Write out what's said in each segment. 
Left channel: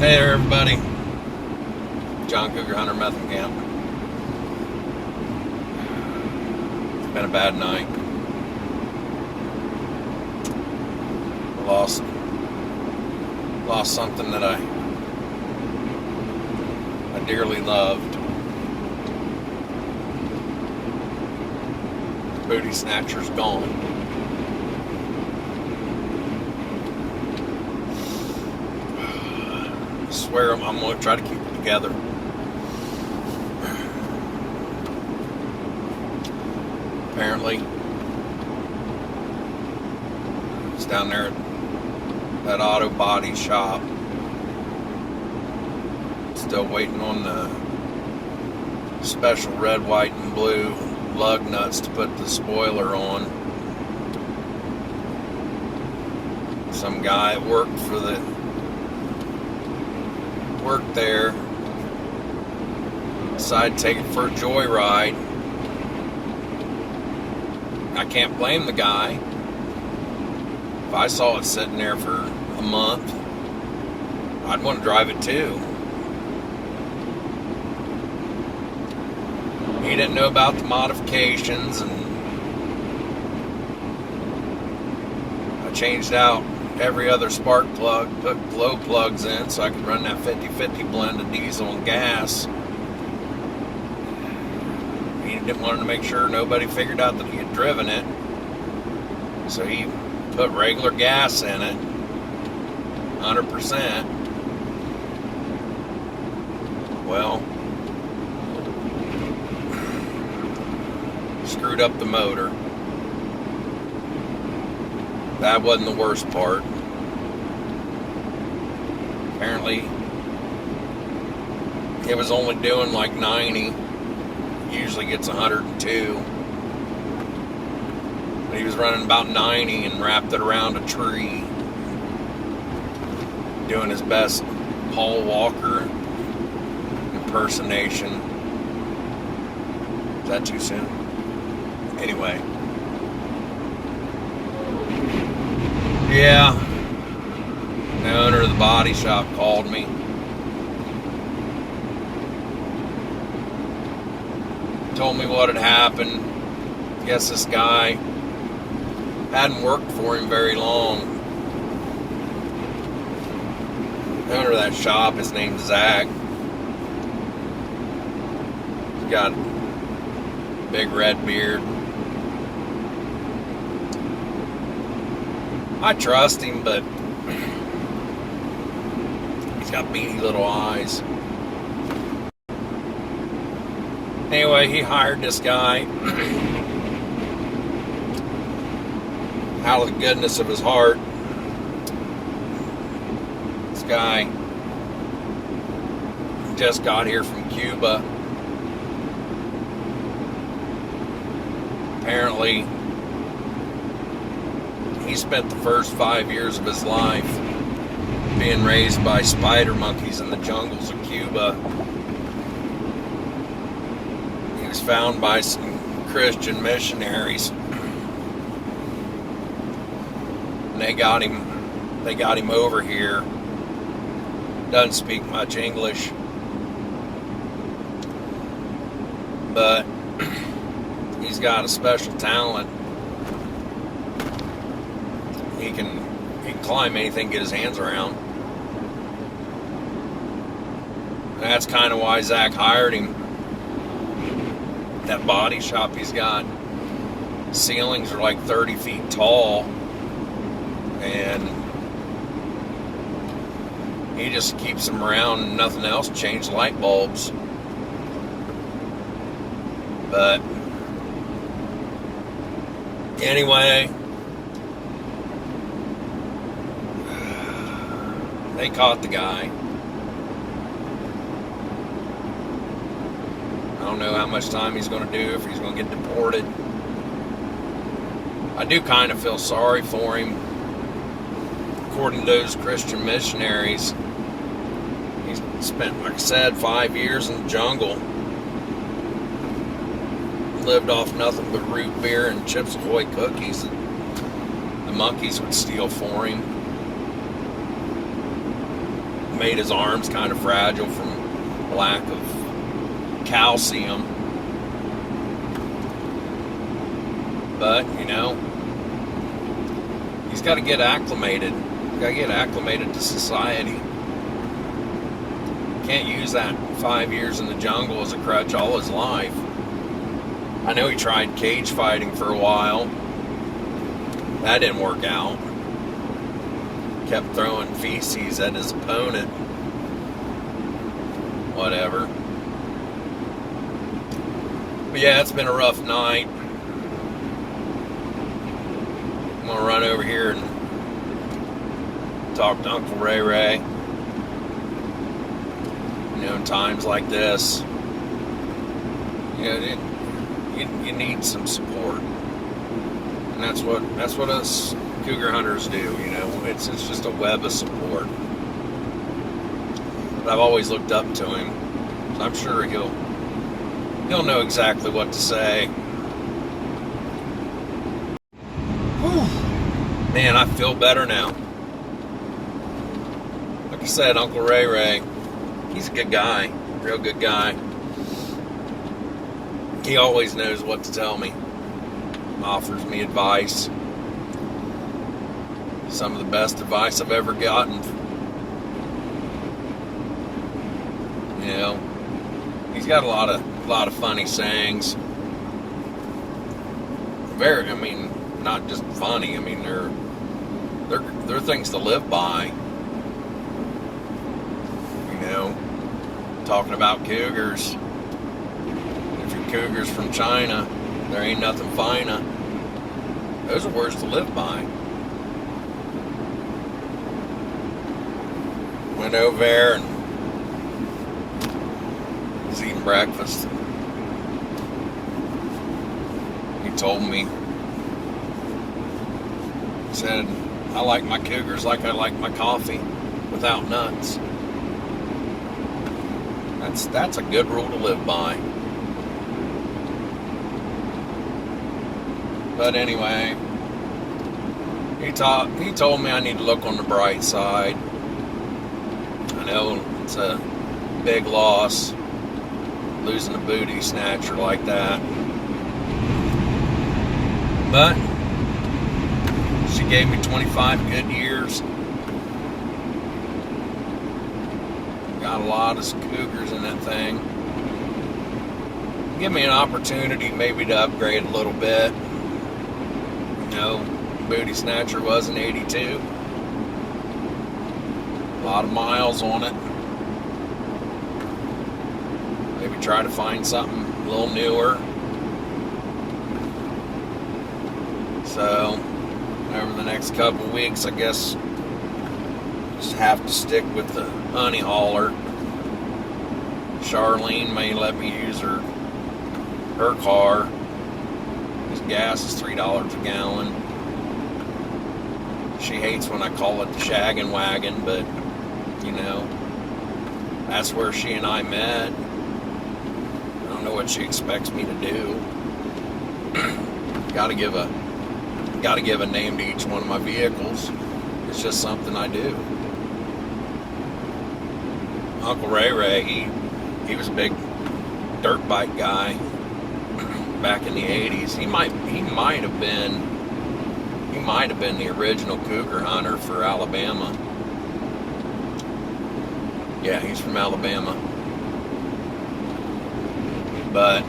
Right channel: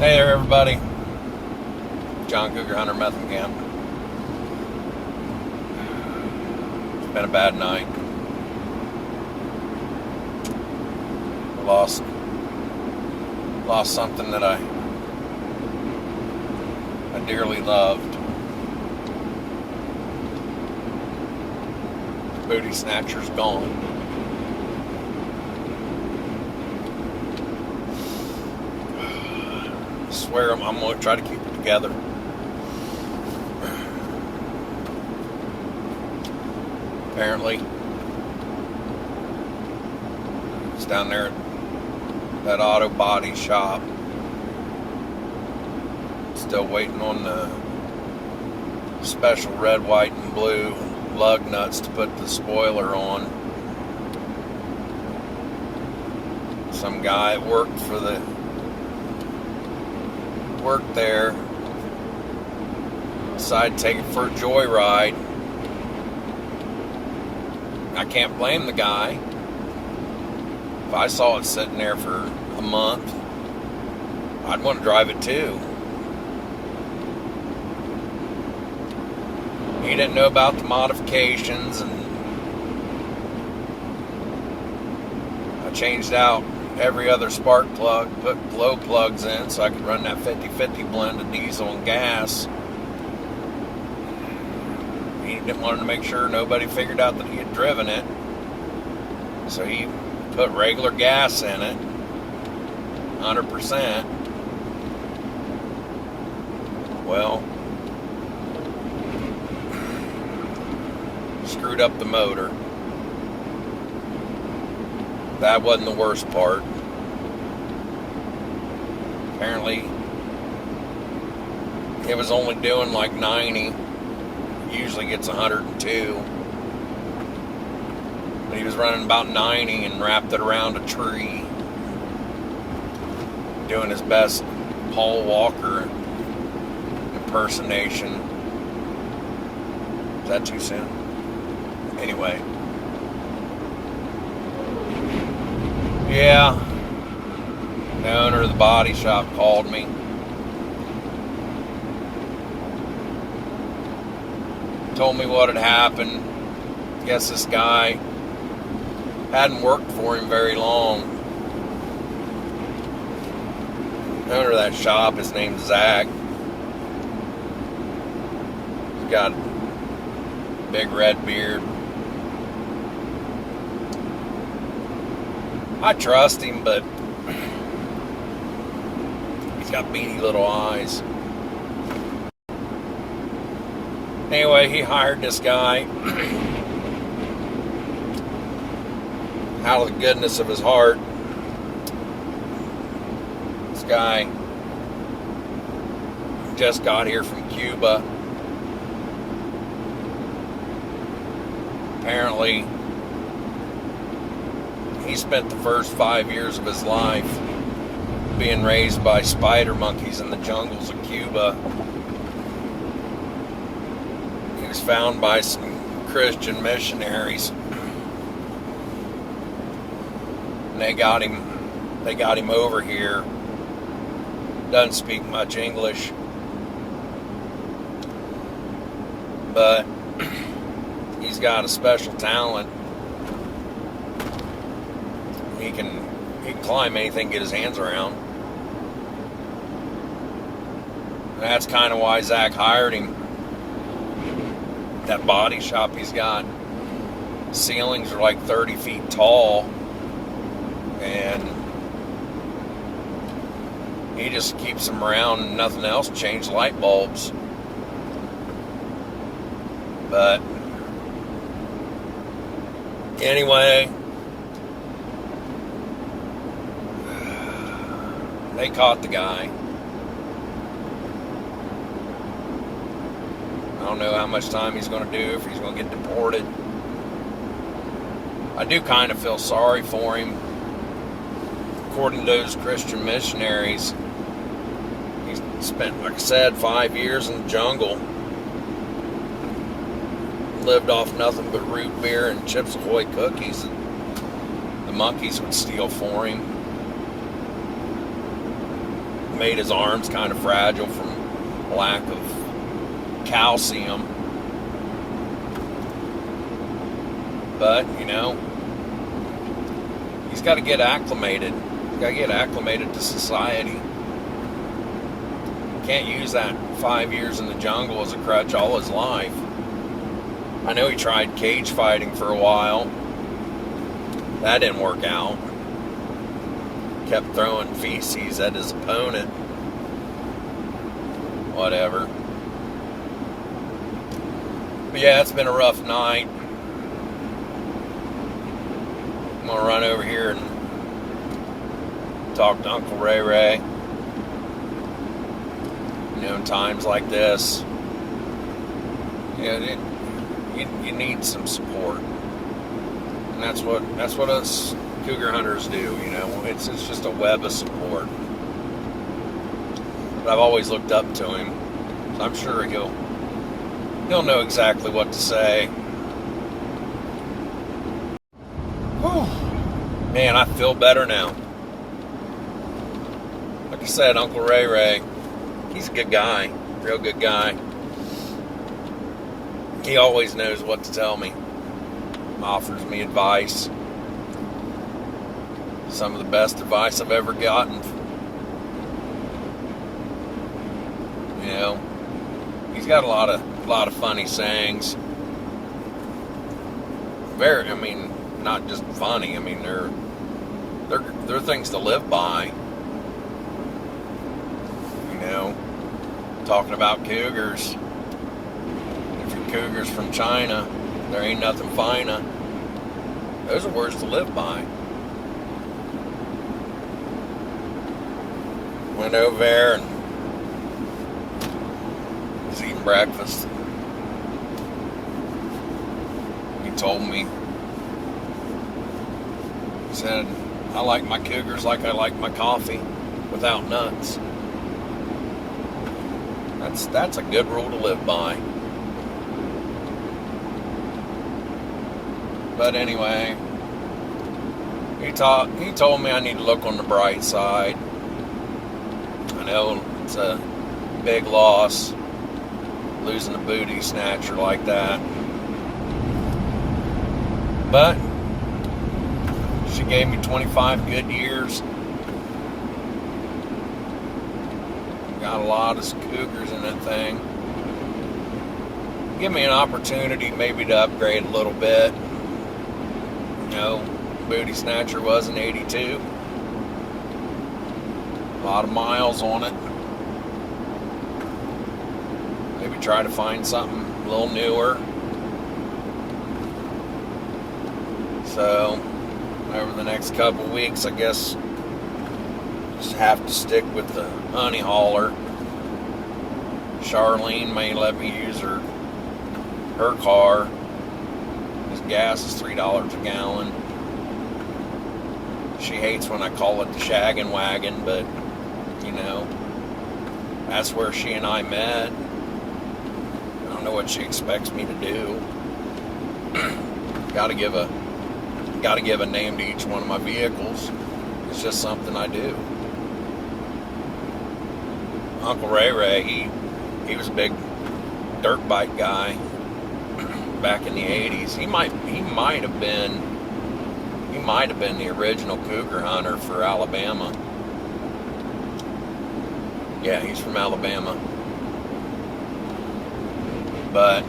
Hey there, everybody. John Cougar Hunter Method Camp. It's been a bad night. Lost something that I dearly loved. Booty snatcher's gone. I swear I'm going to try to keep it together. Apparently, it's down there at that auto body shop. Still waiting on the special red, white, and blue lug nuts to put the spoiler on. Some guy worked there, decided to take it for a joyride. I can't blame the guy. If I saw it sitting there for a month, I'd want to drive it too. He didn't know about the modifications, and I changed out every other spark plug, put glow plugs in so I could run that 50-50 blend of diesel and gas. He didn't want to make sure nobody figured out that he had driven it, so he put regular gas in it, 100%. Well, screwed up the motor. That wasn't the worst part. Apparently, it was only doing like 90. Usually gets 102. But he was running about 90 and wrapped it around a tree, doing his best Paul Walker impersonation. Is that too soon? Anyway. Yeah. The owner of the body shop called me. Told me what had happened. Guess this guy hadn't worked for him very long. The owner of that shop, his name's Zach. He's got a big red beard. I trust him, but he's got beady little eyes. Anyway, he hired this guy out of the goodness of his heart. This guy just got here from Cuba. Apparently, he spent the first 5 years of his life being raised by spider monkeys in the jungles of Cuba. He was found by some Christian missionaries, and they got him over here. Doesn't speak much English, but he's got a special talent. He can climb anything, get his hands around. And that's kind of why Zach hired him. That body shop he's got, ceilings are like 30 feet tall, and he just keeps them around and nothing else, change light bulbs. But anyway, they caught the guy. I don't know how much time he's going to do, if he's going to get deported. I do kind of feel sorry for him. According to those Christian missionaries, he spent, like I said, 5 years in the jungle. Lived off nothing but root beer and Chips Ahoy cookies. The monkeys would steal for him. made his arms kind of fragile from lack of calcium. But, you know, he's got to get acclimated. He's got to get acclimated to society. Can't use that 5 years in the jungle as a crutch all his life. I know he tried cage fighting for a while. That didn't work out. Kept throwing feces at his opponent. Whatever. But yeah, it's been a rough night. I'm going to run over here and talk to Uncle Ray Ray. You know, in times like this, you need some support. And that's what us cougar hunters do, you know. It's just a web of support. But I've always looked up to him. So I'm sure he'll know exactly what to say. Whew. Man, I feel better now. Like I said, Uncle Ray Ray, he's a good guy, real good guy. He always knows what to tell me. Offers me advice. Some of the best advice I've ever gotten. You know, he's got a lot of funny sayings. I mean, not just funny. I mean, they're things to live by. You know, talking about cougars. If your cougar's from China, there ain't nothing finer. Those are words to live by. Went over there and was eating breakfast. He told me, he said, I like my cougars like I like my coffee, without nuts. That's a good rule to live by. But anyway, he told me I need to look on the bright side. I know it's a big loss, losing a booty snatcher like that. But she gave me 25 good years. Got a lot of cougars in that thing. Give me an opportunity maybe to upgrade a little bit. You know, booty snatcher was an 82. A lot of miles on it. Maybe try to find something a little newer. So, over the next couple of weeks, I guess, just have to stick with the honey hauler. Charlene may let me use her car. His gas is $3 a gallon. She hates when I call it the shaggin' wagon, but, you know, that's where she and I met. I don't know what she expects me to do. Gotta give a name to each one of my vehicles. It's just something I do. Uncle Ray Ray, he was a big dirt bike guy back in the 80s. He might have been the original cougar hunter for Alabama. Yeah, he's from Alabama. But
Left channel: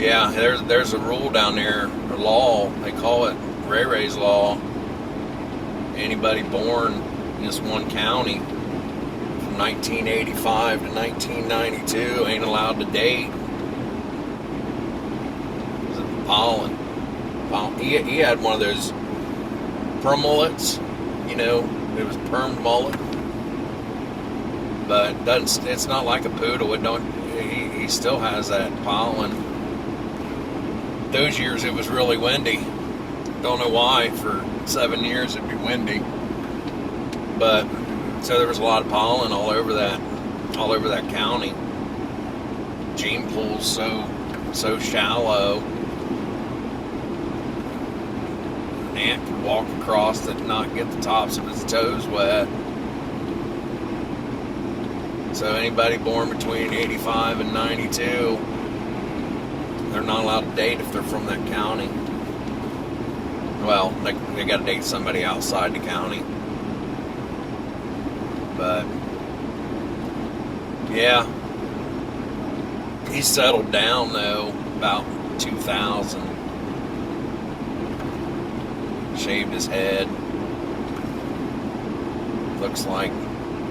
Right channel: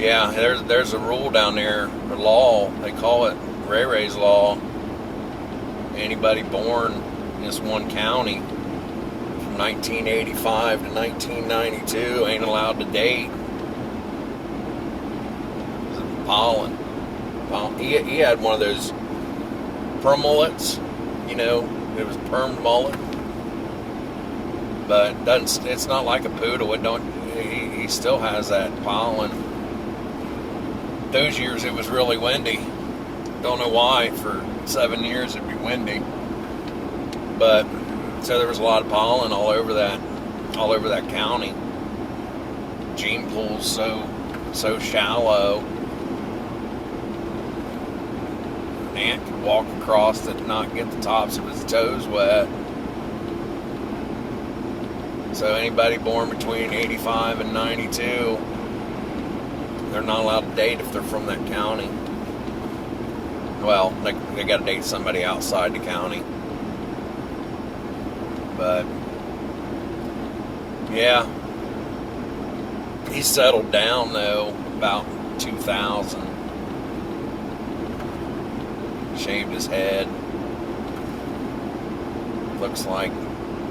yeah, there's a rule down there, a law. They call it Ray Ray's Law. Anybody born in this one county from 1985 to 1992 ain't allowed to date. Pollen. He had one of those perm mullets, you know, it was permed mullet. But it's not like a poodle. He still has that pollen. Those years it was really windy. Don't know why. For 7 years it'd be windy. But so there was a lot of pollen all over that county. Gene pool's so shallow. ant could walk across it and not get the tops of his toes wet. So anybody born between 85 and 92, they're not allowed to date if they're from that county. Well, they got to date somebody outside the county. But yeah, he settled down though about 2000. Shaved his head. Looks like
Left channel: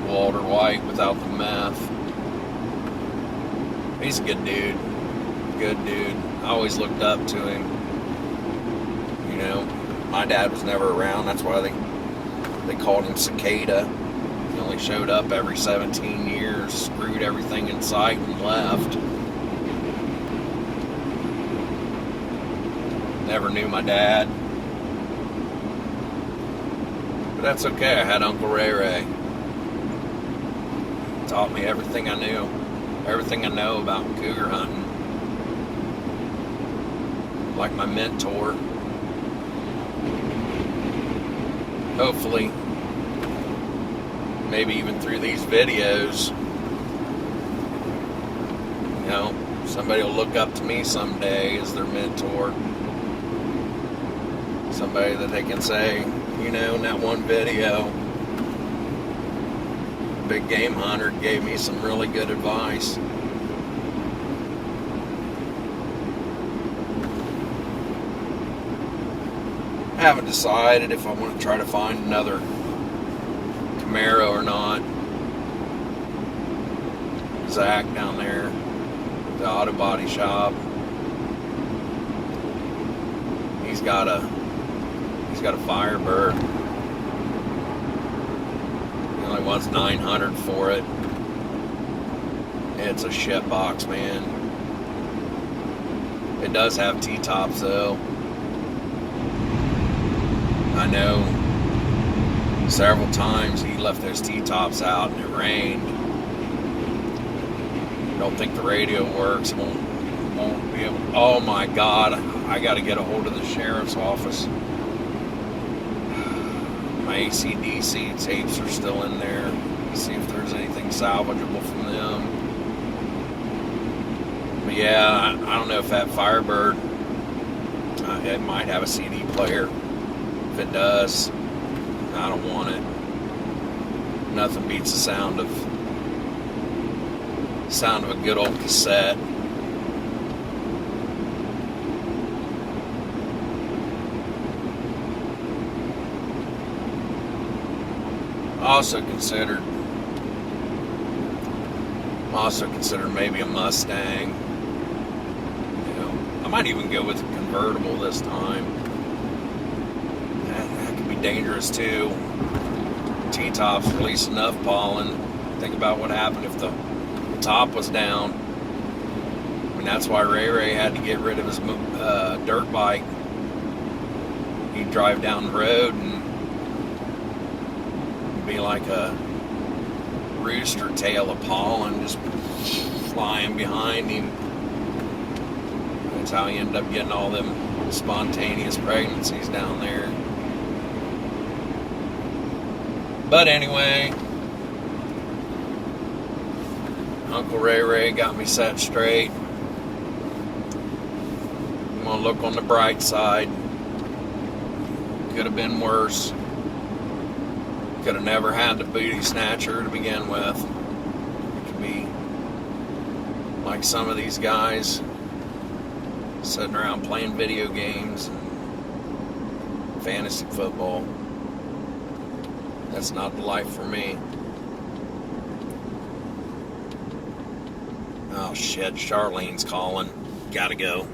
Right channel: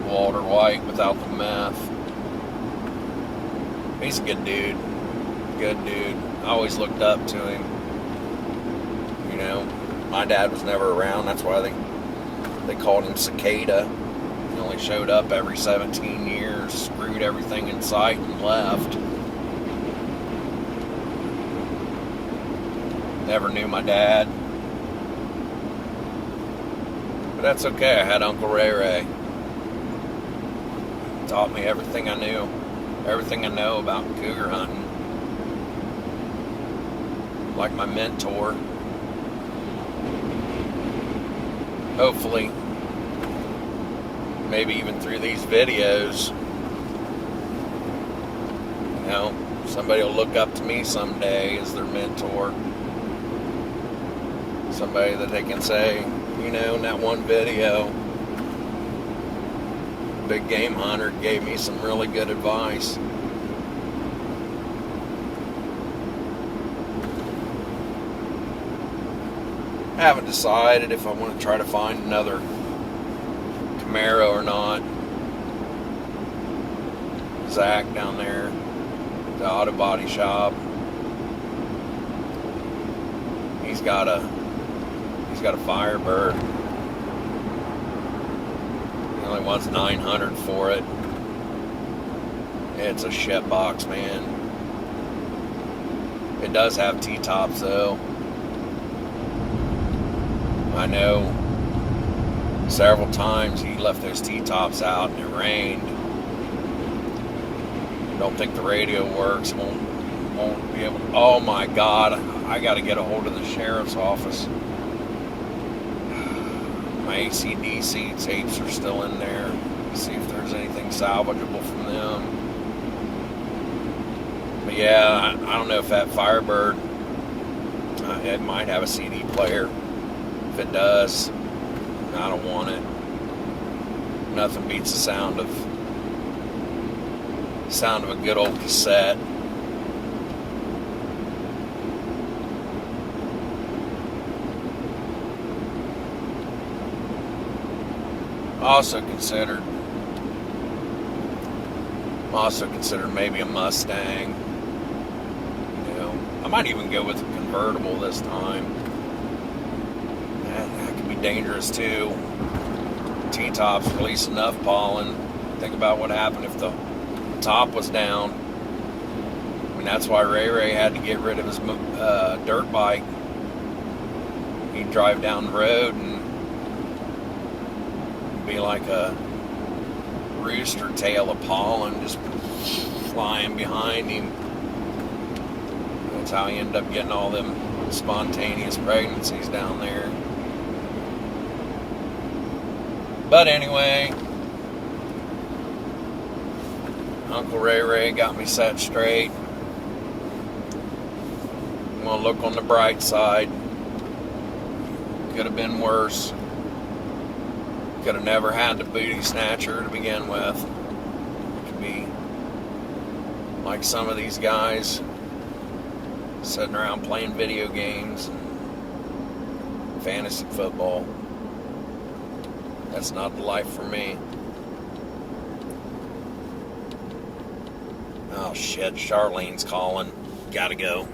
Walter White without the meth. He's a good dude. Good dude. I always looked up to him. You know, my dad was never around. That's why they called him Cicada. He only showed up every 17 years, screwed everything in sight, and left. Never knew my dad. But that's okay. I had Uncle Ray Ray. Taught me everything I knew. Everything I know about cougar hunting. Like my mentor. Hopefully, maybe even through these videos, you know, somebody will look up to me someday as their mentor. Somebody that they can say, you know, in that one video, Big Game Hunter gave me some really good advice. I haven't decided if I want to try to find another Camaro or not. Zach down there at the auto body shop, he's got a Firebird. He only wants $900 for it. It's a shit box, man. It does have T-tops though. I know several times he left those T-tops out and it rained. Don't think the radio works. Won't be able. Oh my God! I got to get a hold of the sheriff's office. My AC/DC tapes are still in there. See if there's anything salvageable from them. But yeah, I don't know if that Firebird, it might have a CD player. If it does, I don't want it. Nothing beats the sound of a good old cassette. Also considered maybe a Mustang. You know, I might even go with a convertible this time. That could be dangerous too. T-tops release enough pollen. Think about what happened if the top was down. I mean, that's why Ray Ray had to get rid of his dirt bike. He'd drive down the road and be like a rooster tail of pollen just flying behind him. That's how he ended up getting all them spontaneous pregnancies down there. But anyway, Uncle Ray Ray got me set straight. I'm gonna look on the bright side. Could have been worse. Could have never had the booty snatcher to begin with. It could be like some of these guys sitting around playing video games and fantasy football. That's not the life for me. Oh shit, Charlene's calling. Gotta go.